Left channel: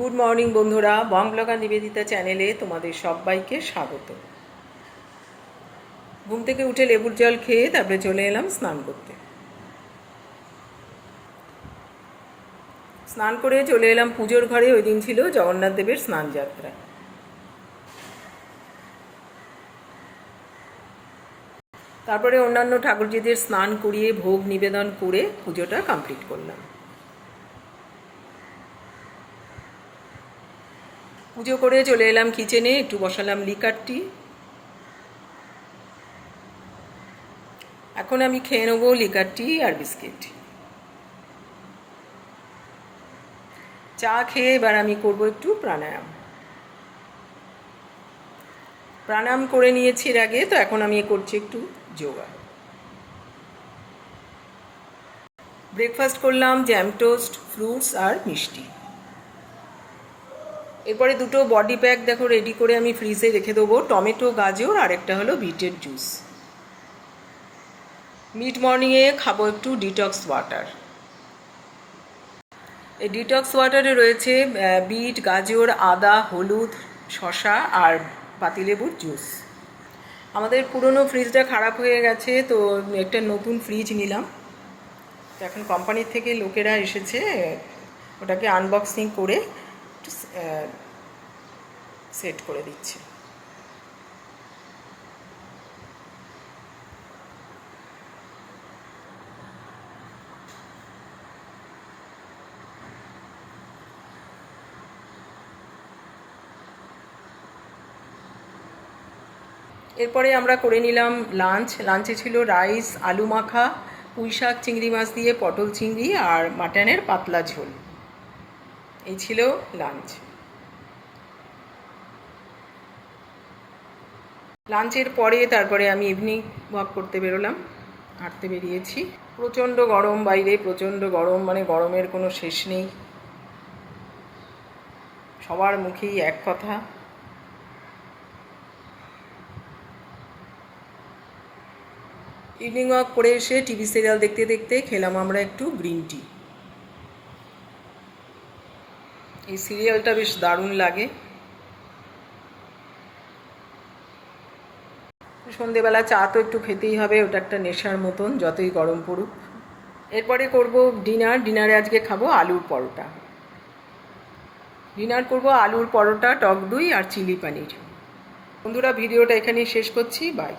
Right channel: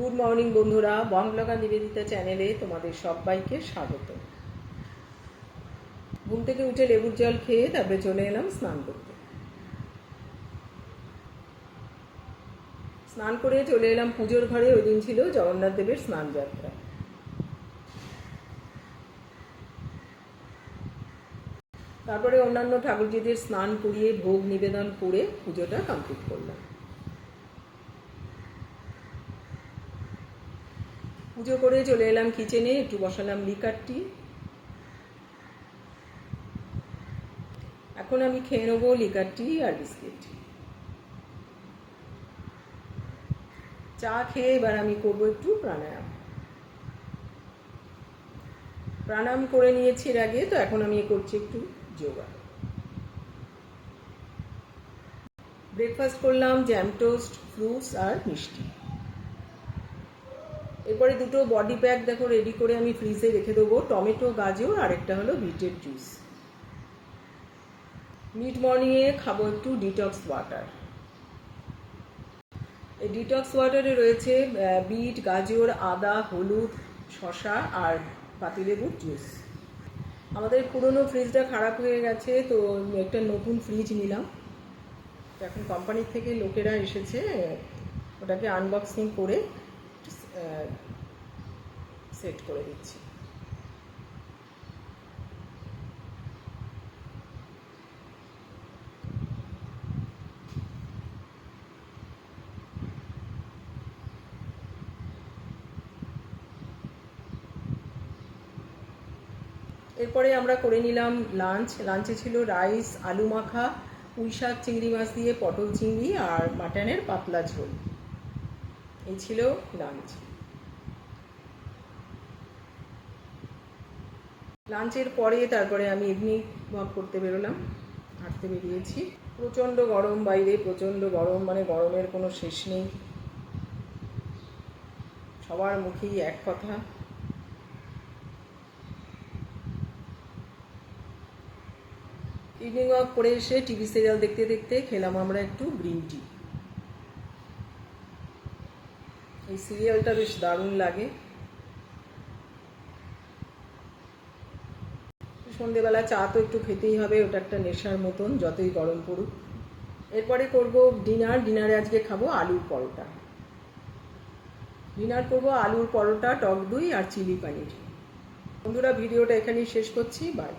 Good morning বন্ধুরা, বং blogger Nivedita চ্যানেলে তোমাদের সবাইকে স্বাগত। ঘুম থেকে উঠে লেবুর জল খেয়ে তারপরে চলে এলাম স্নান করতে। স্নান করে চলে এলাম পুজোর ঘরে। ওই দিন ছিল জগন্নাথ দেবের স্নান যাত্রা। তারপরে অন্যান্য ঠাকুরজিদের স্নান করিয়ে ভোগ নিবেদন করে পুজোটা কমপ্লিট করলাম। পুজো করে চলে এলাম কিচেনে, একটু বসালাম লিকার টি। এখন আমি খেয়ে নেবো লিকার টি আর বিস্কিট। চা খেয়ে এবার আমি করবো একটু প্রাণায়াম। প্রাণায়াম করে নিয়েছি এর আগে, তো এখন আমি করছি একটু যোগা। ব্রেকফাস্ট করলাম জ্যাম টোস্ট, ফ্রুটস আর মিষ্টি। এরপরে দুটো বডি প্যাক দেখো রেডি করে আমি ফ্রিজে রেখে দেবো, টমেটো, গাজর আর একটা হলো বিটের জুস। মিড মর্নিংয়ে খাবো একটু ডিটক্স ওয়াটার। এই ডিটক্স ওয়াটারে রয়েছে বিট, গাজর, আদা, হলুদ, শসা আর পাতিলেবুর জুস। আমাদের পুরনো ফ্রিজটা খারাপ হয়ে গেছে, তো একটা নতুন ফ্রিজ নিলাম। তো এখন কোম্পানির থেকে লোকেরা এসেছে, ওটাকে আনবক্সিং করে সেট করে দিচ্ছে। এরপরে আমরা করে নিলাম লাঞ্চে ছিল রাইস, আলু মাখা, পুঁই শাক, চিংড়ি মাছ দিয়ে পটল চিংড়ি আর মাটনের পাতলা ঝোল। এই ছিল লাঞ্চ। লাঞ্চের পরে তারপরে আমি ইভিনিং ওয়াক করতে বেরোলাম, হাঁটতে বেরিয়েছি। প্রচণ্ড গরম বাইরে, প্রচণ্ড গরম, মানে গরমের কোনো শেষ নেই। সবার মুখেই এক কথা। ইভিনিং ওয়াক করে এসে টিভি সিরিয়াল দেখতে দেখতে খেলাম আমরা একটু গ্রিন টি। এই সিরিয়ালটা বেশ দারুণ লাগে। সন্ধেবেলা চা তো একটু খেতেই হবে, ওটা একটা নেশার মতন, যতই গরম পড়ুক। এরপরে করব ডিনারে আজকে খাবো আলুর পরোটা। ডিনার করব আলুর পরোটা, টক দই আর চিলি পনির। বন্ধুরা, ভিডিওটা এখানেই শেষ করছি। বাই।